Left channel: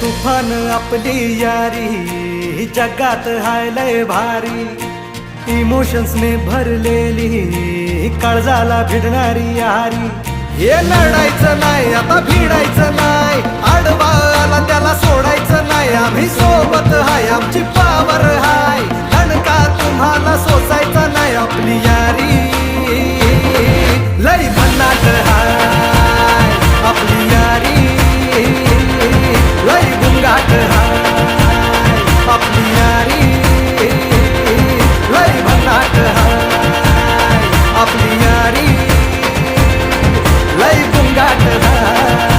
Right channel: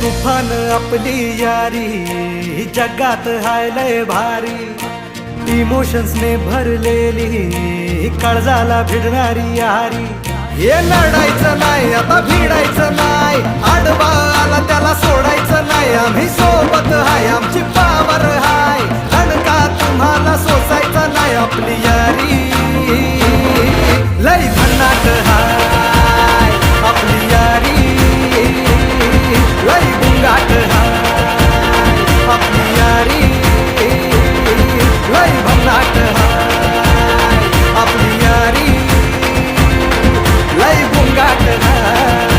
तुफान आपली यारी जगात हाय लय भारी, इमोशन्स ने भरलेली काळजाला भिडणारी यारी. हे नडायचं नाही आता भिडायचं नाही, आडवा आला त्याला सोडायचं नाही. आम्ही सोबत हाय आमची पावर हाय, दणका तुम्हाला सोसायचा नाही. आपली यारी लय भन्नाट हाय, आपली यारी लय बुंगाट हाय. आपली यारी लय भन्नाट हाय, आपली यारी लय बुंगाट हाय.